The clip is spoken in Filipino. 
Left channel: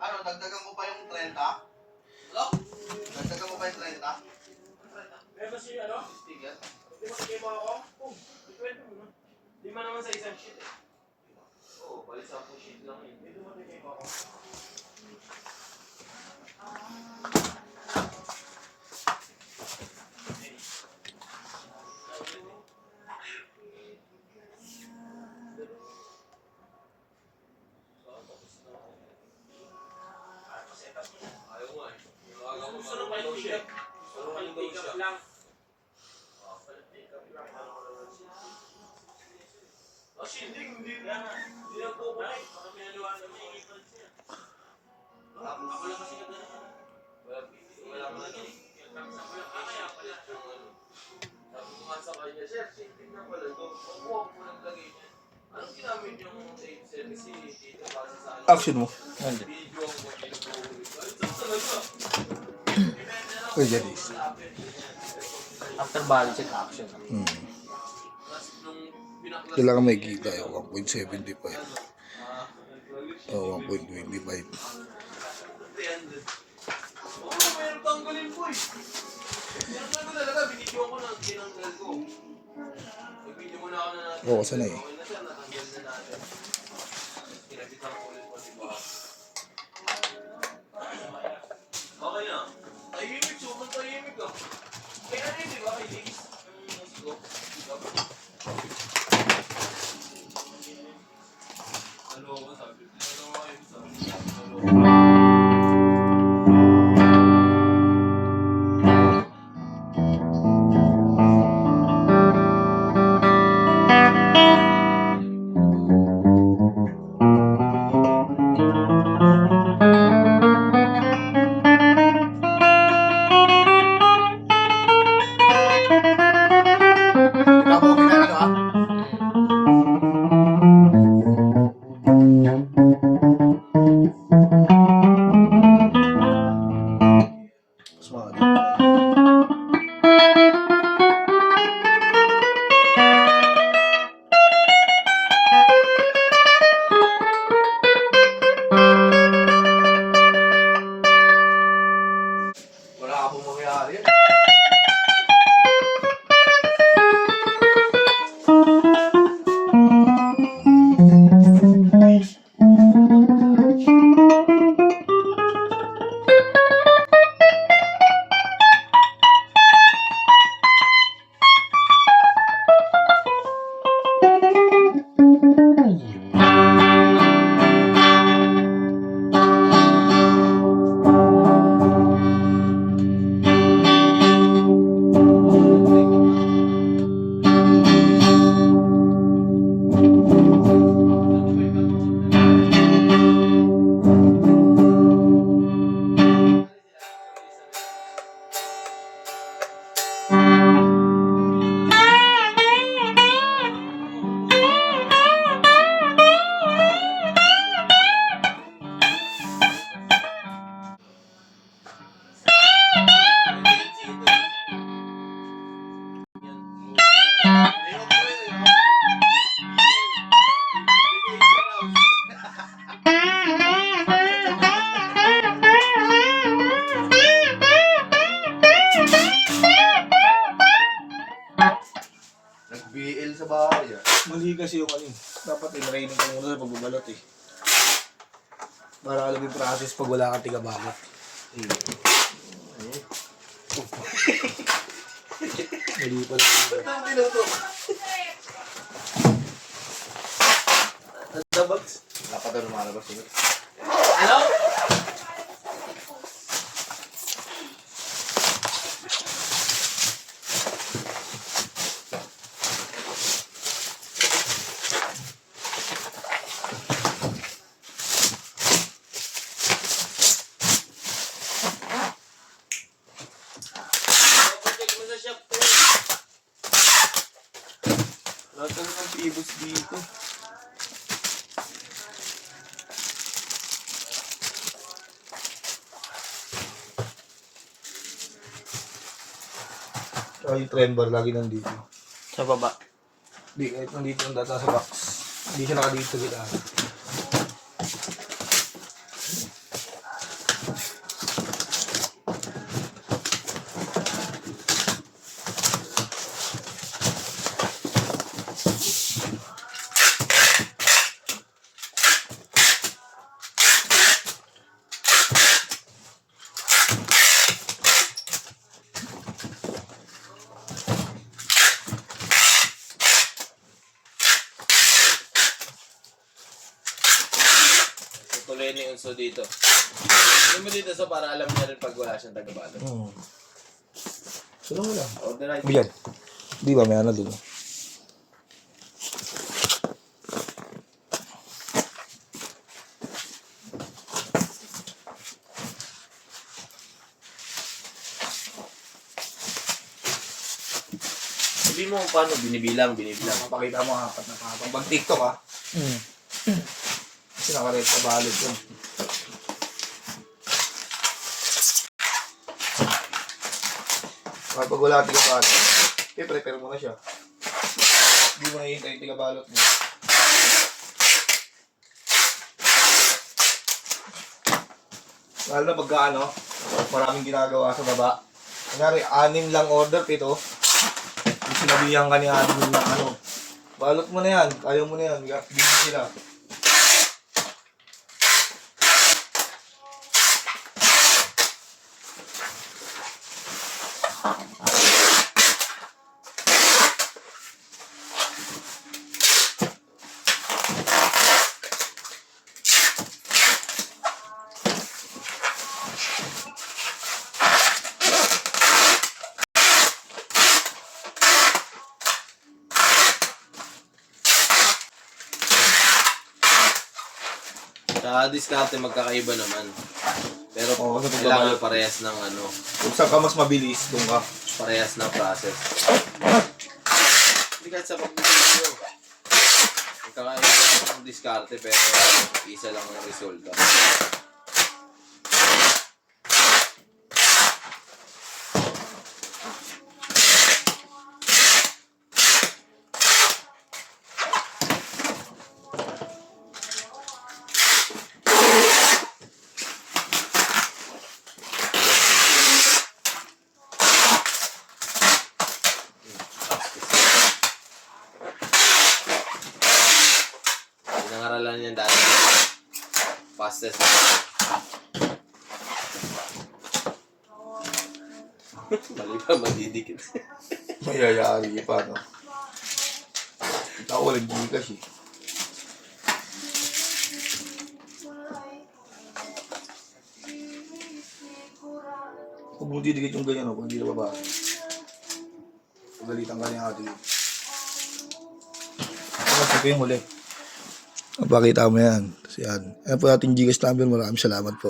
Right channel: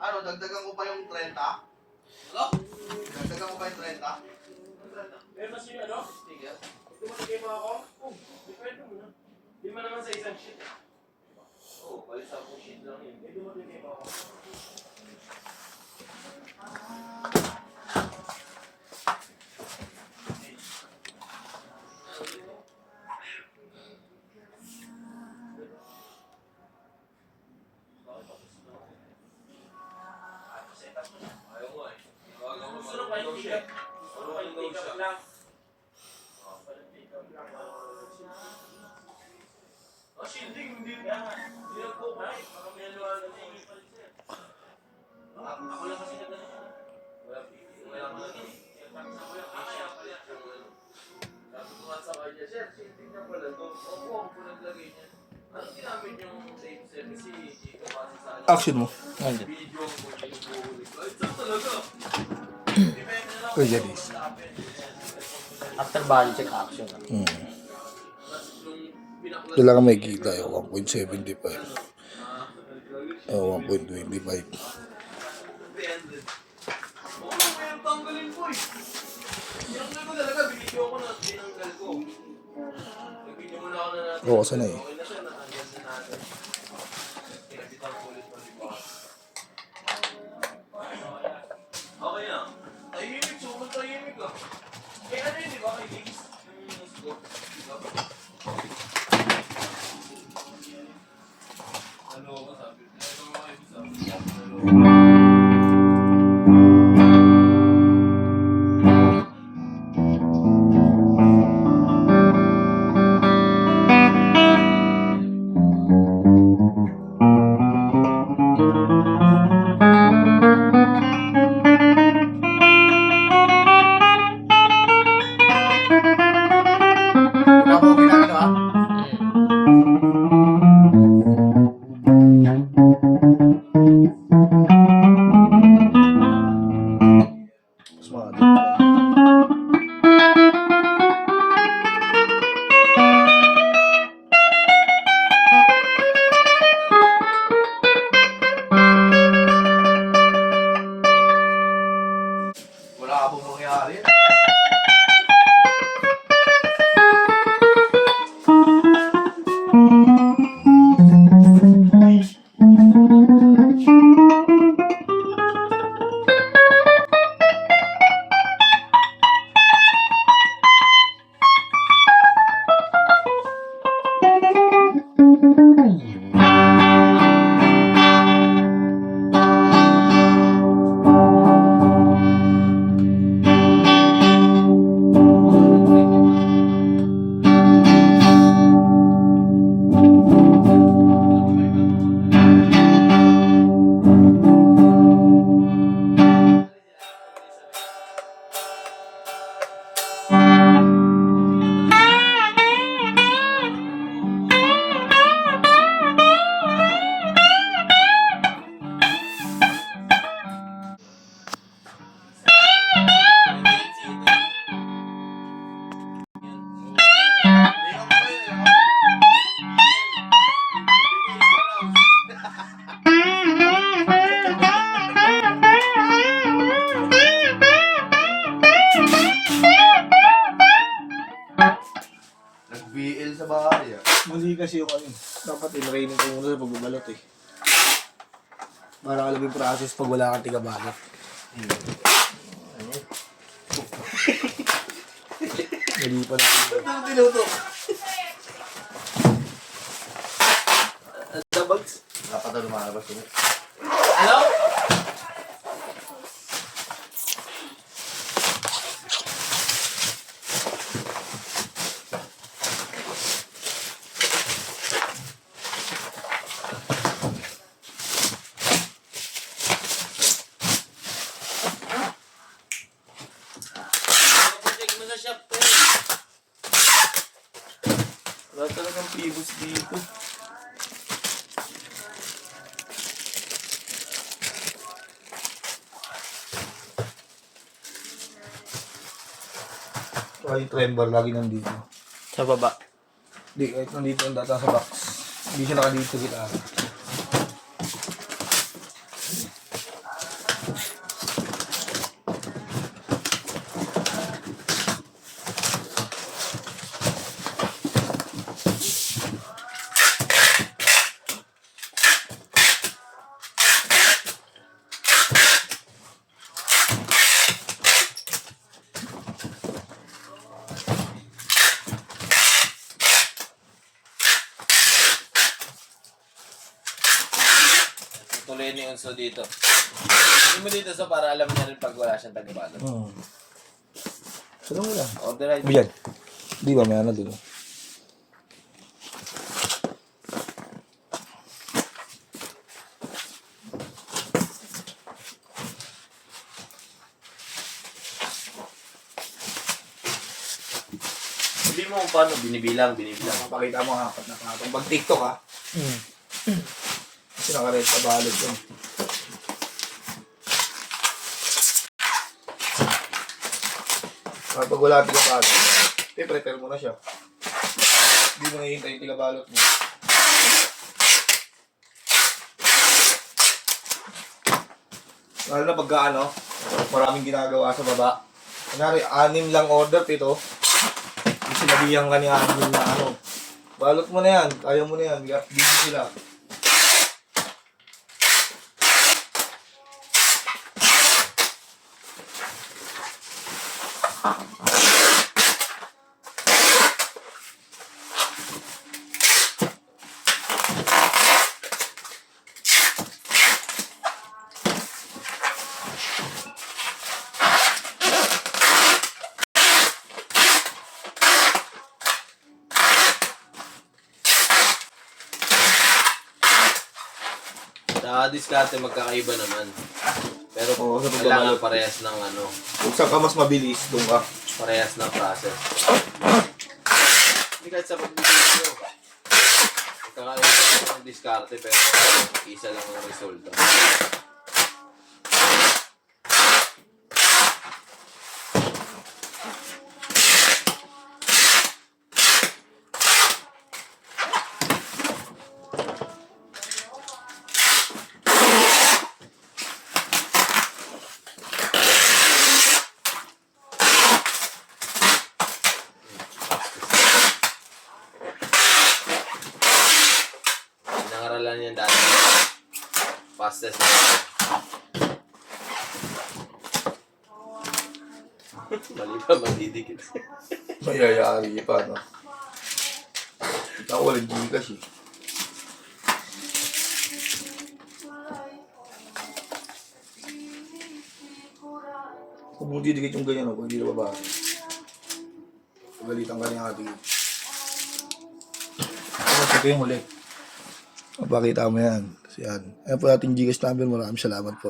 Ano, dagdagan ko pa yung 30? Hello? Dagdagan mo pa yung 30? Meron na siya, ano? Sticker? Di mo nagay mga ako? Oo, depende mo na. Di man naman sa isang sheet eh. Oo, balik sa akong sheet lang yun. Di mo nagay mga ako. Ayaw nga eh. Gusto nung kayo pick up. Gusto nung kayo pick up lang. Oh, shielding, hindi Hindi lang po ko eh. Baka may haluan na may ingay pa rin siya. Ako lang kasi nagdala. Wala pa lang yun. Tapos ako lang, kaya pala. Sabi ko nga sa kanya, sir, shielding na pala to. Opo, ako po naglagay niya. Anong ginamit yung date sir? Kasi dito kasi sa ano. Action mo. Nandiyan. Video ang po pinupulit ko. Ay, saan talaga? Depende na lang. Kuya Janice. After body check action. Kailangan may kita eh. 1.75. O 1.25. 300. Oo, mayroong tanggalin po eh. Tinanggal ko talaga, binidyo ko na tinanggal ko. Nag-video muna ako na natin. Oo, sana eh. Okay na sir, natanggal na natin. Kinabitan ko ulit mo, di ba? Okay na. Tahimik, sobrang tahimik ah. Kaya ano yun, di ba? Kay Diggs, yung nasigo. Ano ko sabi? Ano ko kayo sabi? Ikaw mo pinakano ha? Smart. Wala ka bang mangyari? Nag-BL sa bahay ah. Mali kasi yung ano eh. Dapat in-training ko muna sa pagbabalot eh. Para alam yung process pag wala kang tigabalot. Mali pala. Ba't ang tinuto? The bags? Dapat na lumalabas ulit. Hello? Check mo sa shop ko eh. Wala talagang pibos dito. Yung trend bar lagi nandito. Sa baba. Hindi, kahit nandito ang data sa box. Hindi siya nakadito sa gitara. Lenny Unso dito. Hindi mo dito sa para alam na rin pag wala siyang taga-balo. Sino mo lang? Order ay Yan. Di ba, may ano dun. Sabi mo kung paano binibilang. Mapakita mo apat na patong. Pag TikTok ha. Kasi nakared sa balot yun. Kapag wala tiga-balot, prepare mo na siya. Hindi mo nahihintay yung tiga-balot mo. Lalo na pagka ano, maraming ginagawa sa baba. Kunwari, 6 lang order, 7. Yung sinabihan ka ni admin na ano, balot mo na yan, kaya mo na yan, busy sila. Sa diskarte magkakaiba naman. Pero Oo, sa kailangan pagbabalot. parehas ng ano, Kung saan ka mas mabilis, doon ka. parehas ng process. Hindi kahit sa pagbibigyo. Magkakaiba ng diskarte pero isa lang ang resulta. Pinangaralan niya dati. Fastest na. Mali pa, madidikit. Mayayari pa, no? Kita ko walang Gcash eh. Huwag mo didikit yung ganyan, no? Kung hindi na babasa. Pagalitan ka niya ate. Ito yung huli. Napakita mo yan. Tapos yan. Yan po ating Gcash number. Maraming salamat po.